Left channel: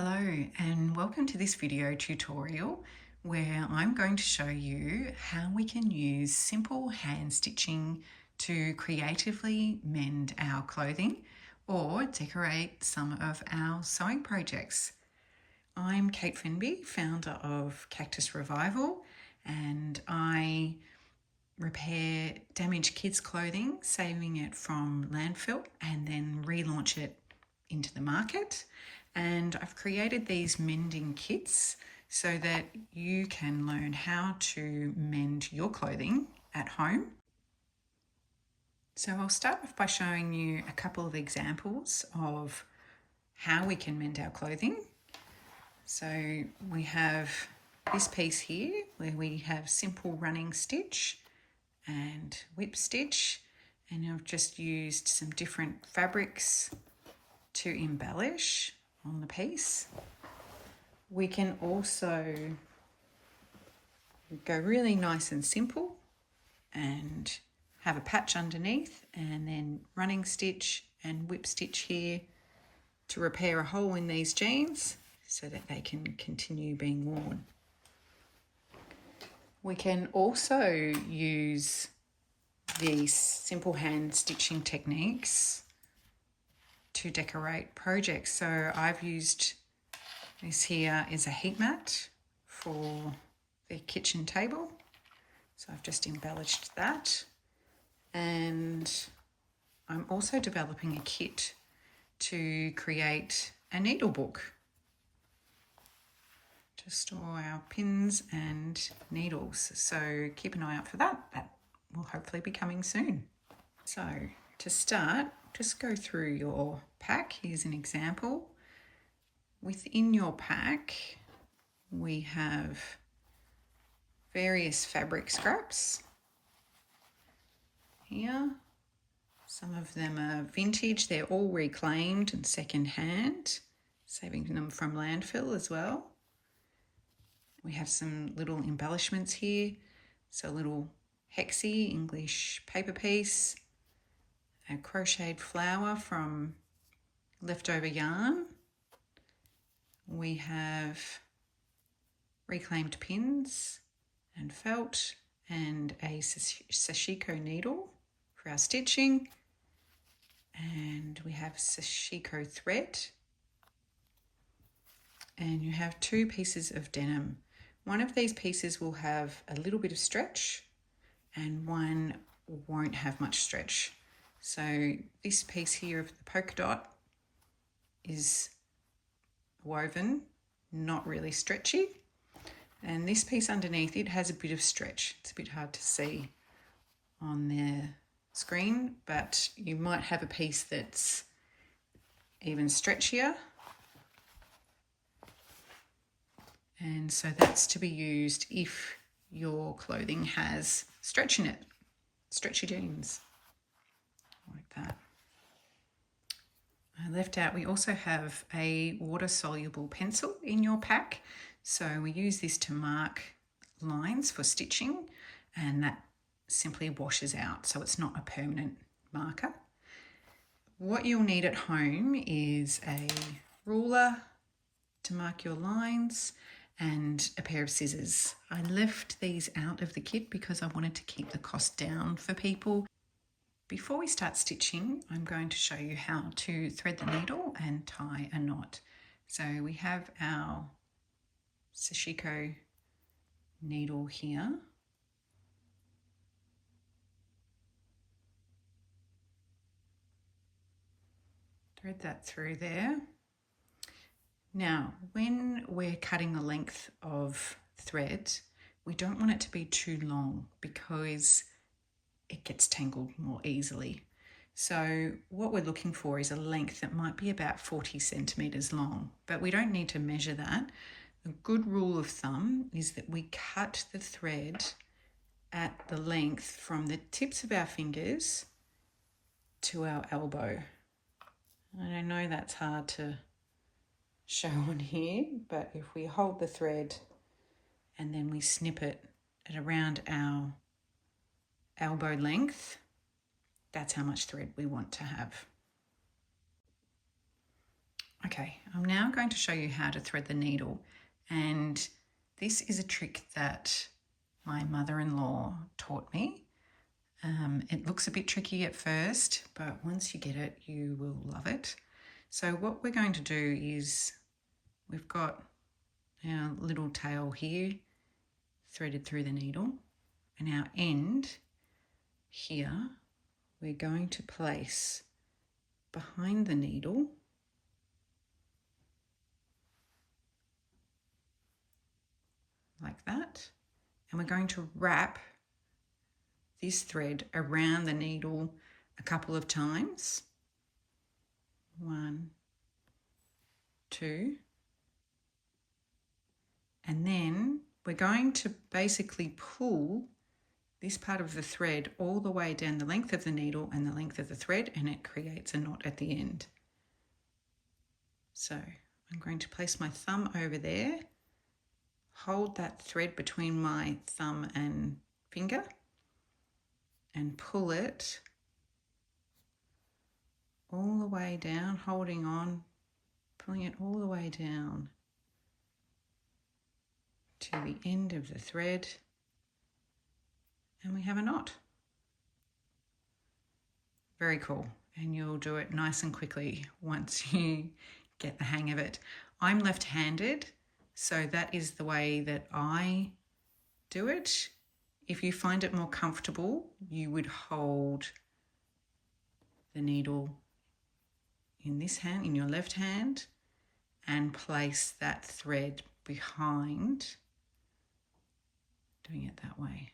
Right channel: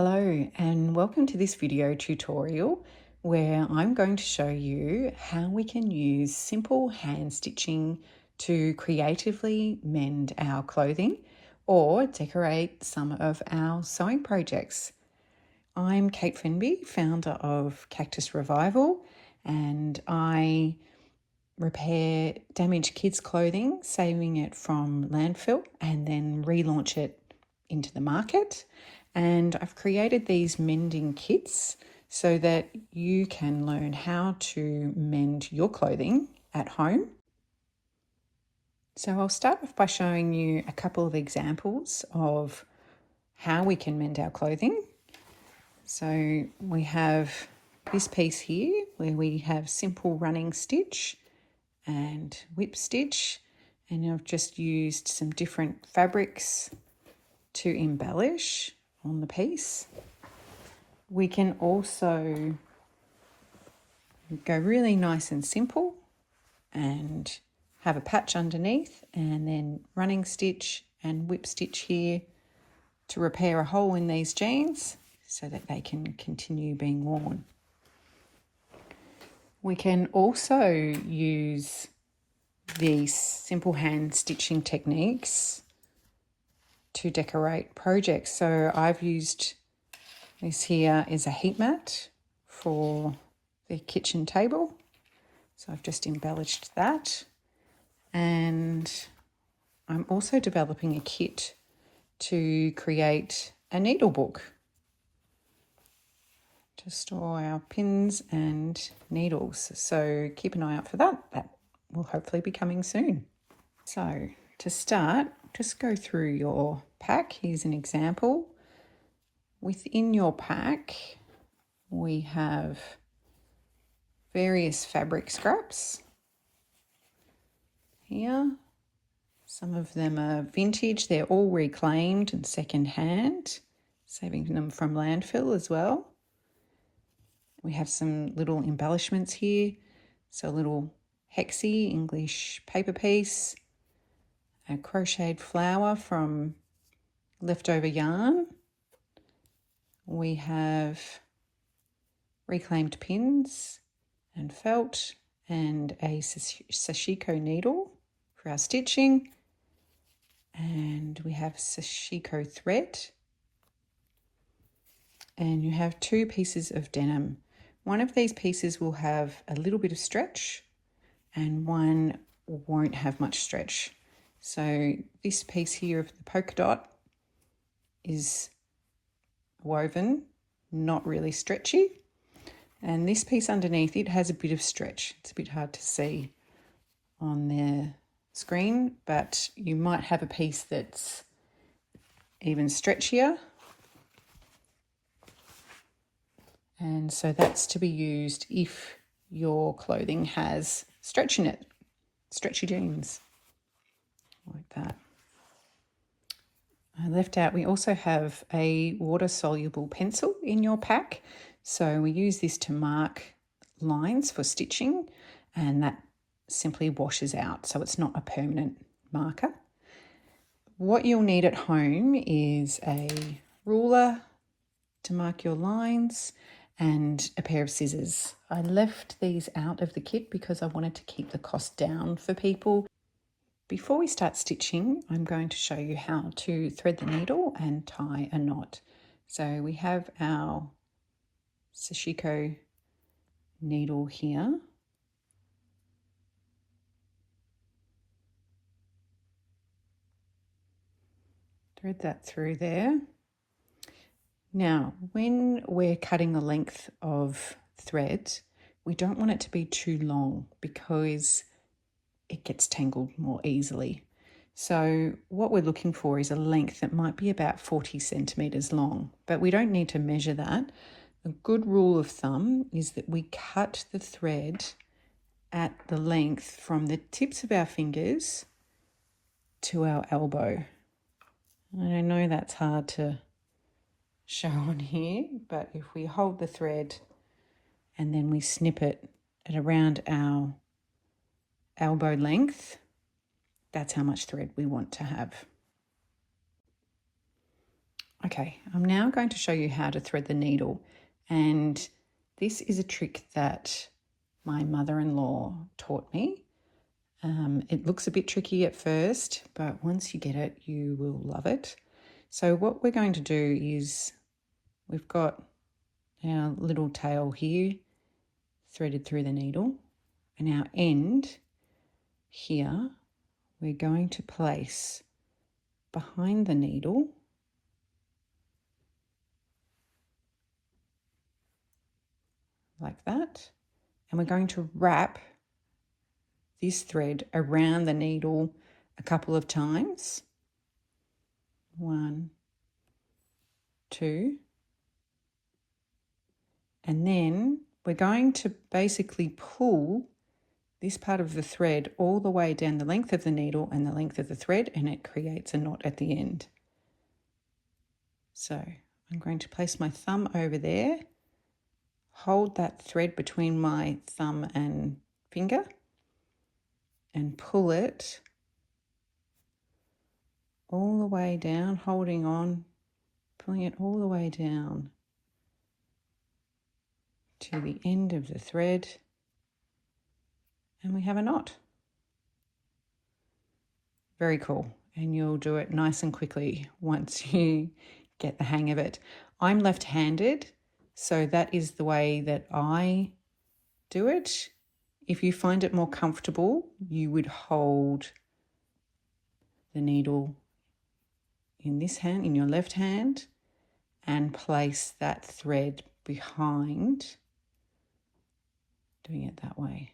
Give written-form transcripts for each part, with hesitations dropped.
Hello and welcome to this video tutorial where I'm going to show you how we can use simple hand stitching to creatively mend our clothing or decorate some of our sewing projects. I'm Kate Fenby, founder of Cactus Revival, and I repair damaged kids' clothing, saving it from landfill and then relaunch it into the market. And I've created these mending kits so that you can learn how to mend your clothing at home. So I'll start off by showing you a couple of examples of how we can mend our clothing. So we have this piece here where we have simple running stitch and whip stitch, and I've just used some different fabrics to embellish on the piece. We can also go really nice and simple and have a patch underneath and then running stitch and whip stitch here to repair a hole in these jeans so that they can continue being worn. We can also use these simple hand stitching techniques to decorate projects. So I've used this here as a heat mat for the kitchen table. So I've just embellished that. And I'm also developing a kit to create a needle book to store our pins and needles. So keep an eye out for that. That will hopefully be coming soon. So to start, just go through your pack. Here's an example. Within your pack, we have various fabric scraps here. Some of them are vintage. They're all reclaimed and second-hand, saving them from landfill as well. We have some little embellishments here. So a little hexie English paper piece, a crocheted flower from leftover yarn. We have reclaimed pins and felt and a sashiko needle for our stitching. And we have sashiko thread. And you have two pieces of denim. One of these pieces will have a little bit of stretch and one won't have much stretch. So this piece here of the polka dot is woven, not really stretchy. And this piece underneath it has a bit of stretch. It's a bit hard to see on the screen, but you might have a piece that's even stretchier. And so that's to be used if your clothing has stretch in it, stretchy jeans. Like that. I left out, we also have a water-soluble pencil in your pack. So we use this to mark lines for stitching, and that simply washes out, so it's not a permanent marker. What you'll need at home is a ruler to mark your lines and a pair of scissors. I left these out of the kit because I wanted to keep the cost down for people. Before we start stitching, I'm going to show you how to thread the needle and tie a knot. So we have our sashiko needle here. Thread that through there. Now, when we're cutting the length of thread, we don't want it to be too long because it gets tangled more easily. So what we're looking for is a length that might be about 40 centimeters long, but we don't need to measure that. A good rule of thumb is that we cut the thread at the length from the tips of our fingers to our elbow. I know that's hard to show on here, but if we hold the thread and then we snip it at around our elbow length, that's how much thread we want to have. Okay, I'm now going to show you how to thread the needle, and this is a trick that my mother-in-law taught me. It looks a bit tricky at first, but once you get it, you will love it. So what we're going to do is we've got our little tail here threaded through the needle, and our end here we're going to place behind the needle like that, and we're going to wrap this thread around the needle a couple of times. 1, 2, and then we're going to basically pull this part of the thread all the way down the length of the needle and the length of the thread, and it creates a knot at the end. So I'm going to place my thumb over there, hold that thread between my thumb and finger, and pull it all the way down, holding on, pulling it all the way down to the end of the thread, and we have a knot. Very cool, and you'll do it nice and quickly once you get the hang of it. I'm left-handed, so that is the way that I do it. If you find it more comfortable, you would hold the needle in this hand, in your left hand, and place that thread behind, doing it that way.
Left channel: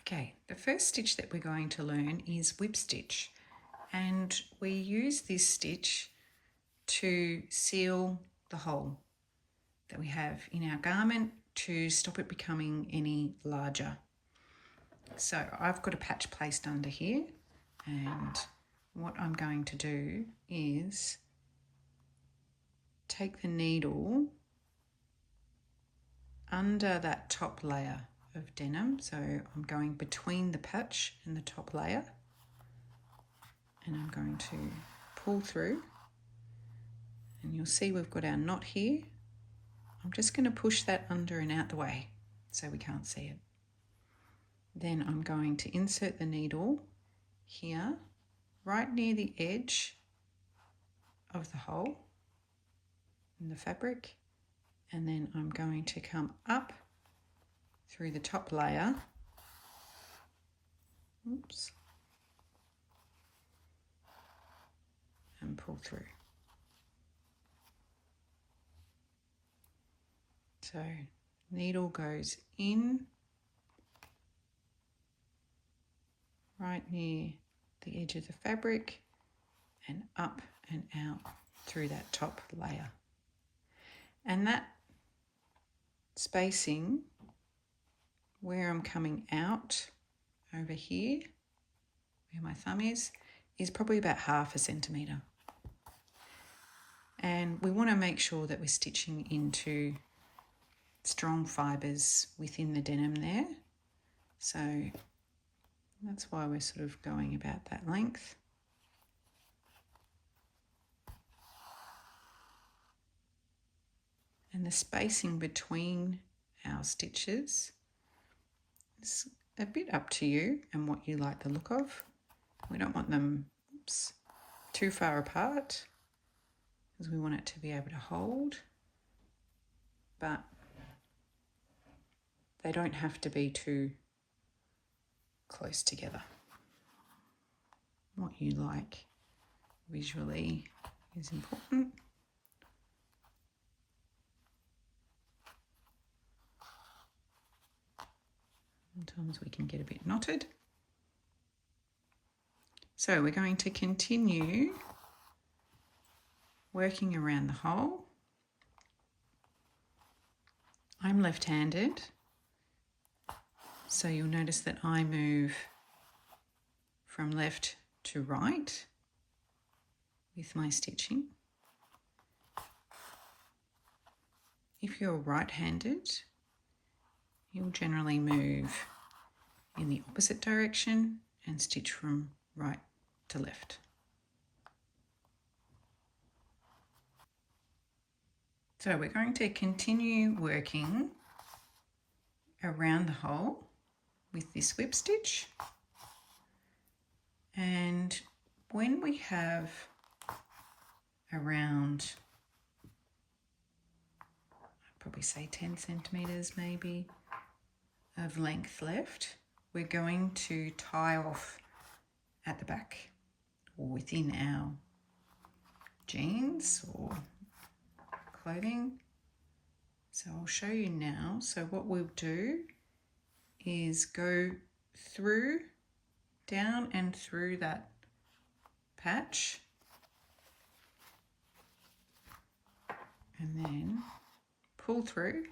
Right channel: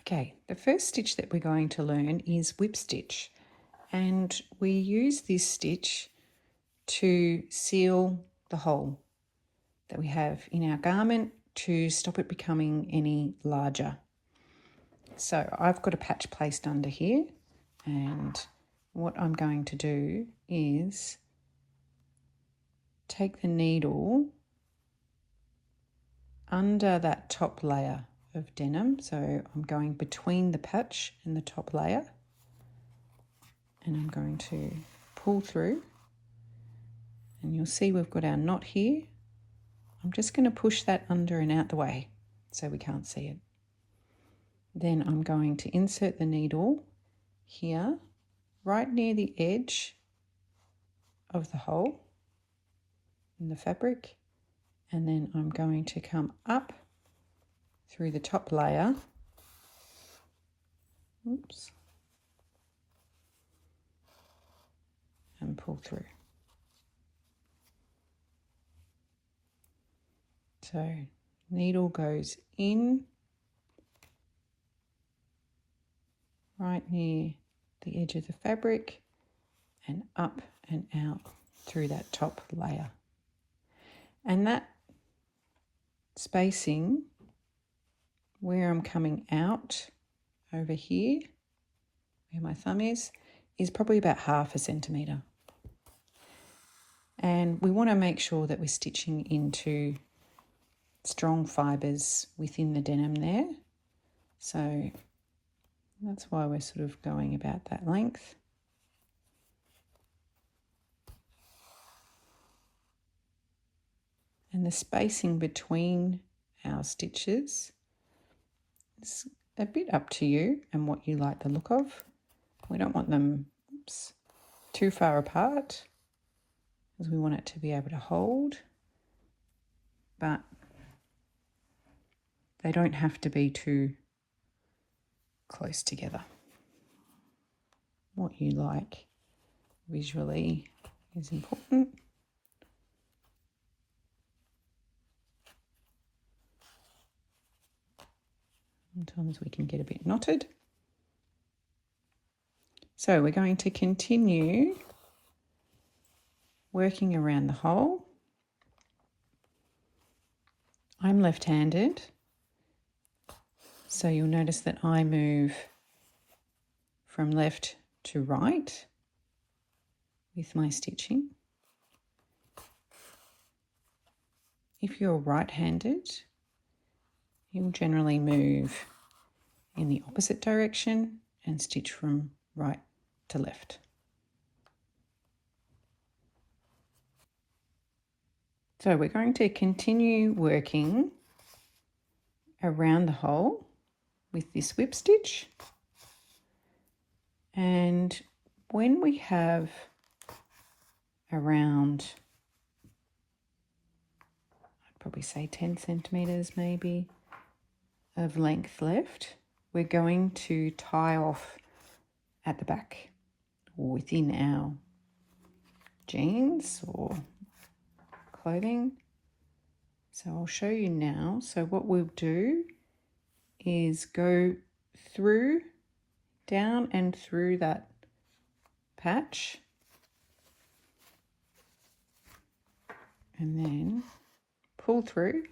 Okay, the first stitch that we're going to learn is whip stitch, and we use this stitch to seal the hole that we have in our garment to stop it becoming any larger. So I've got a patch placed under here, and what I'm going to do is take the needle under that top layer of denim. So I'm going between the patch and the top layer, and I'm going to pull through, and you'll see we've got our knot here. I'm just going to push that under and out the way so we can't see it. Then I'm going to insert the needle here, right near the edge of the hole in the fabric, and then I'm going to come up through the top layer, oops, and pull through. So needle goes in right near the edge of the fabric and up and out through that top layer. And that spacing where I'm coming out over here, where my thumb is probably about 1/2 centimetre. And we want to make sure that we're stitching into strong fibres within the denim there. So that's why we're sort of going about that length. And the spacing between our stitches is a bit up to you and what you like the look of. We don't want them too far apart, because we want it to be able to hold, but they don't have to be too close together. What you like visually is important. Sometimes we can get a bit knotted. So we're going to continue working around the hole. I'm left-handed, so you'll notice that I move from left to right with my stitching. If you're right-handed, you'll generally move in the opposite direction and stitch from right to left. So we're going to continue working around the hole with this whip stitch, and when we have around, I'd probably say 10 centimeters maybe of length left, we're going to tie off at the back or within our jeans or clothing. So I'll show you now. So what we'll do is go through, down and through that patch, and then pull through.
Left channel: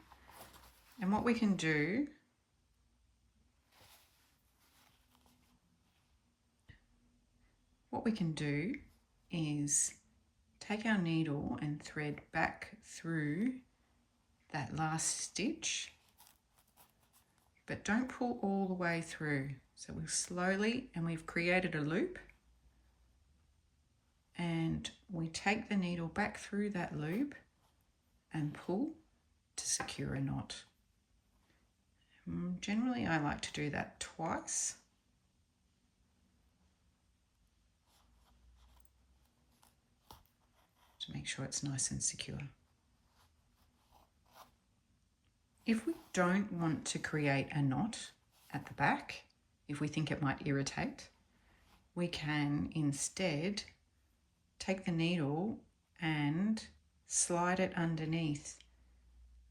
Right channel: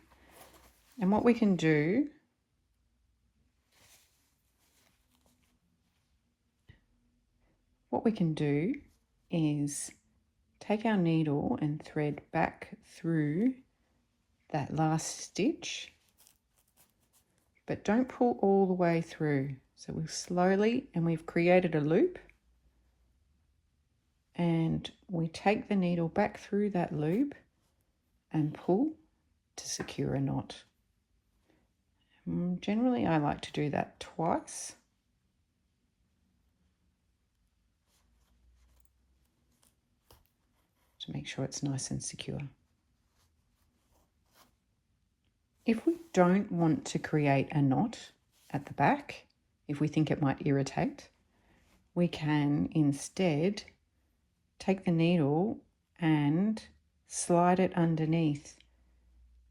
And what we can do is take our needle and thread back through that last stitch, but don't pull all the way through. So we'll slowly, and we've created a loop, and we take the needle back through that loop and pull to secure a knot. Generally, I like to do that twice. To make sure it's nice and secure. If we don't want to create a knot at the back, if we think it might irritate, we can instead take the needle and slide it underneath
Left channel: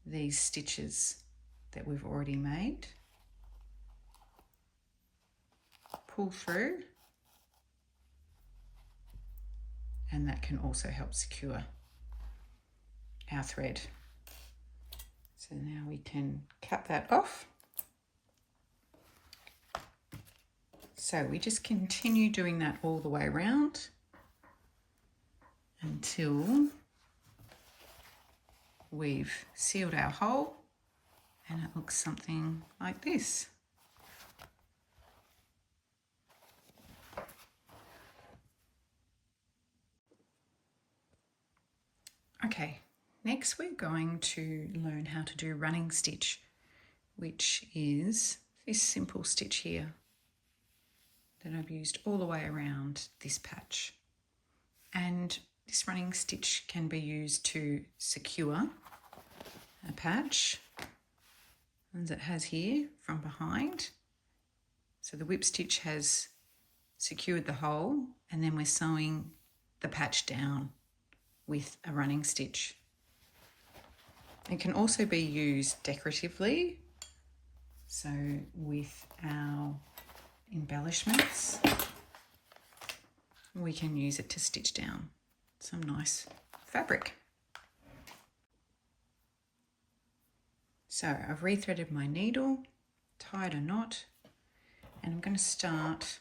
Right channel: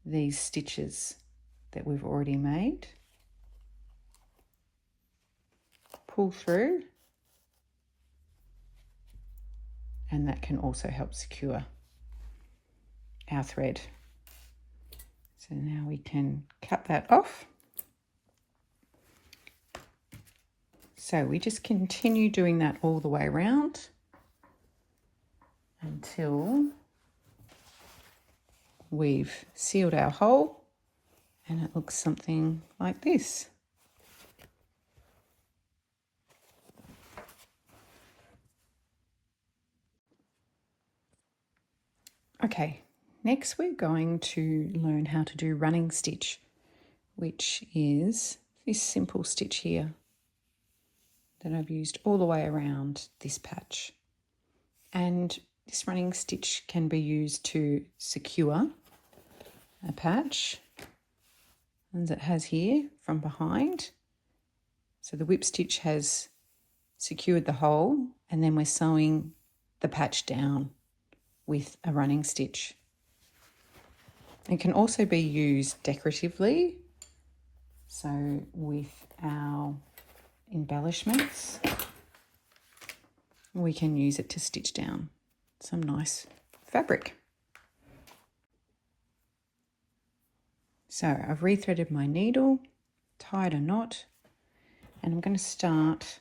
these stitches that we've already made. Pull through, and that can also help secure our thread. So now we can cut that off. So we just continue doing that all the way around until we've sealed our hole, and it looks something like this. Okay, next we're going to learn how to do running stitch, which is this simple stitch here that I've used all the way around this patch. And this running stitch can be used to secure a patch, as it has here from behind. So the whip stitch has secured the hole, and then we're sewing the patch down with a running stitch. It can also be used decoratively, so with our embellishments we can use it to stitch down some nice fabric. So I've rethreaded my needle, tied a knot, and I'm going to start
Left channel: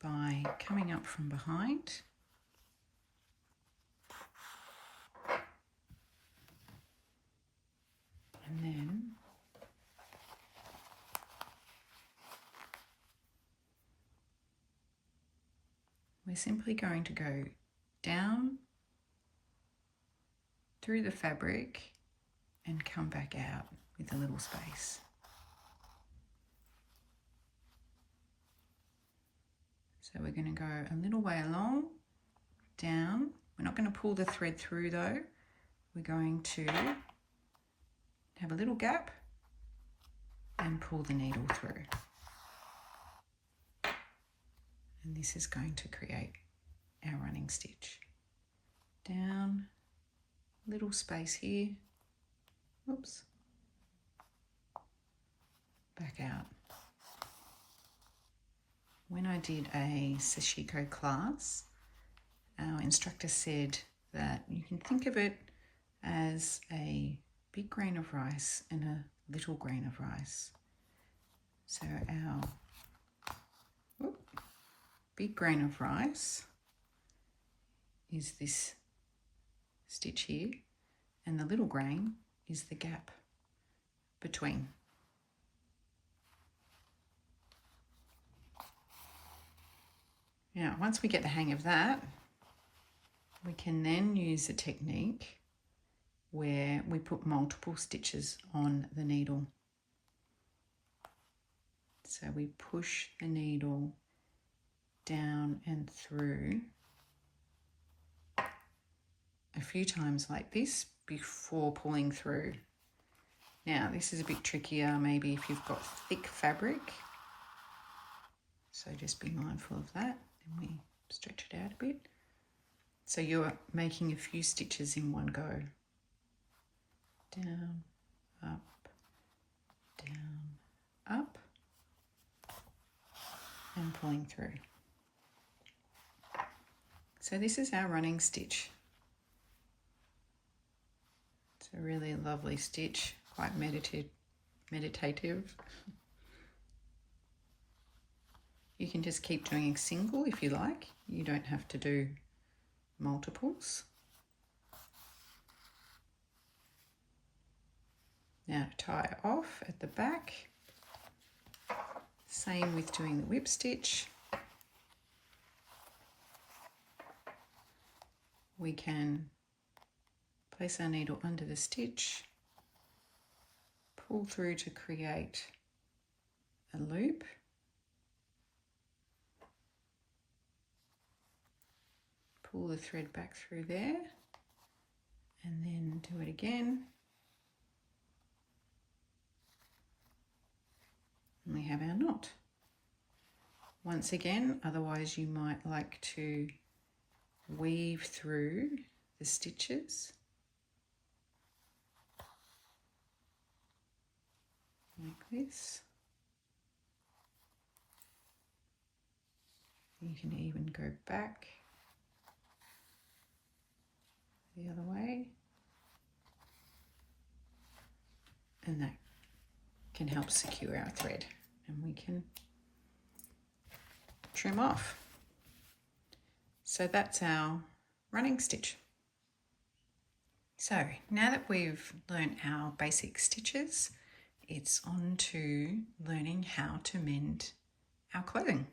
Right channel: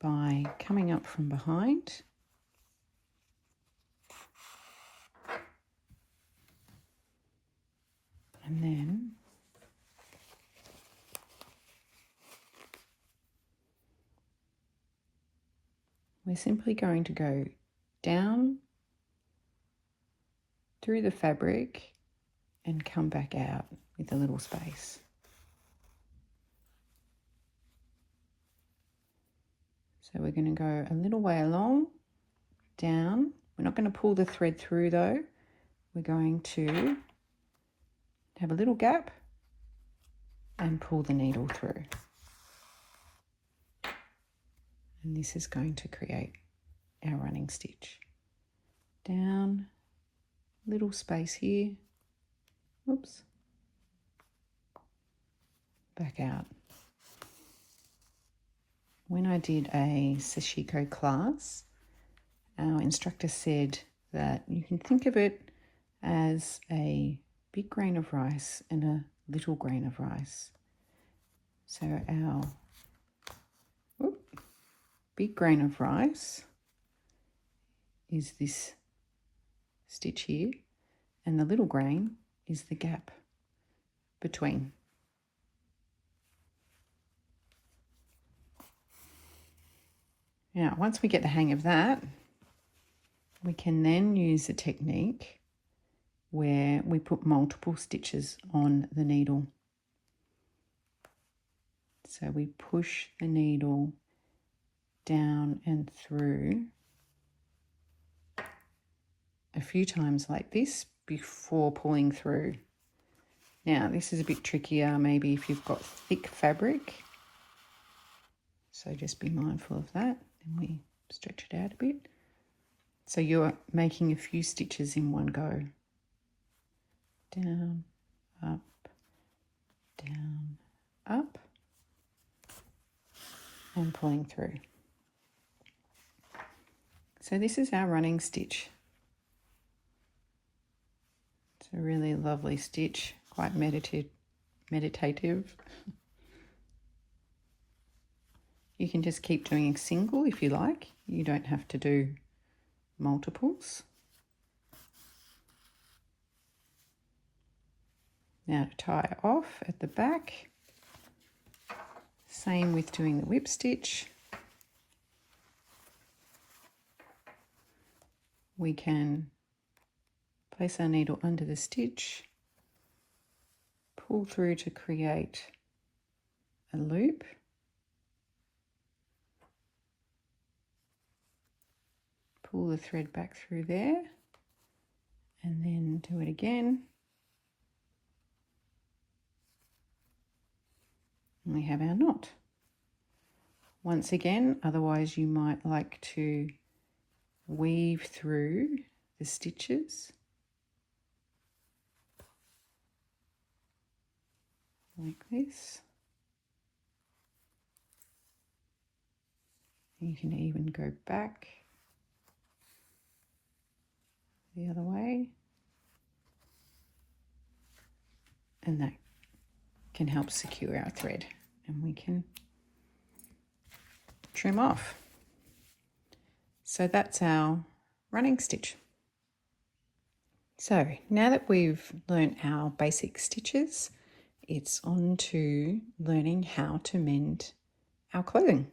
by coming up from behind and then we're simply going to go down through the fabric and come back out with a little space. So we're going to go a little way along, down. We're not going to pull the thread through though. We're going to have a little gap and pull the needle through. And this is going to create our running stitch. Down, little space here, oops, back out. When I did a sashiko class, our instructor said that you can think of it as a big grain of rice and a little grain of rice. So our big grain of rice is this stitch here, and the little grain is the gap between. Now, once we get the hang of that, we can then use the technique where we put multiple stitches on the needle. So we push the needle down and through a few times like this before pulling through. Now this is a bit trickier maybe if you've got thick fabric, so just be mindful of that. And we stretch it out a bit. So you're making a few stitches in one go. Down, up, down, up, and pulling through. So this is our running stitch. It's a really lovely stitch, quite meditative. You can just keep doing a single if you like. You don't have to do multiples. Now to tie off at the back, same with doing the whip stitch. We can place our needle under the stitch, pull through to create a loop, pull the thread back through there, and then do it again. And we have our knot. Once again, otherwise you might like to weave through the stitches like this. You can even go back the other way, and that can help secure our thread, and we can trim off. So that's our running stitch. So now that we've learnt our basic stitches, it's on to learning how to mend our clothing.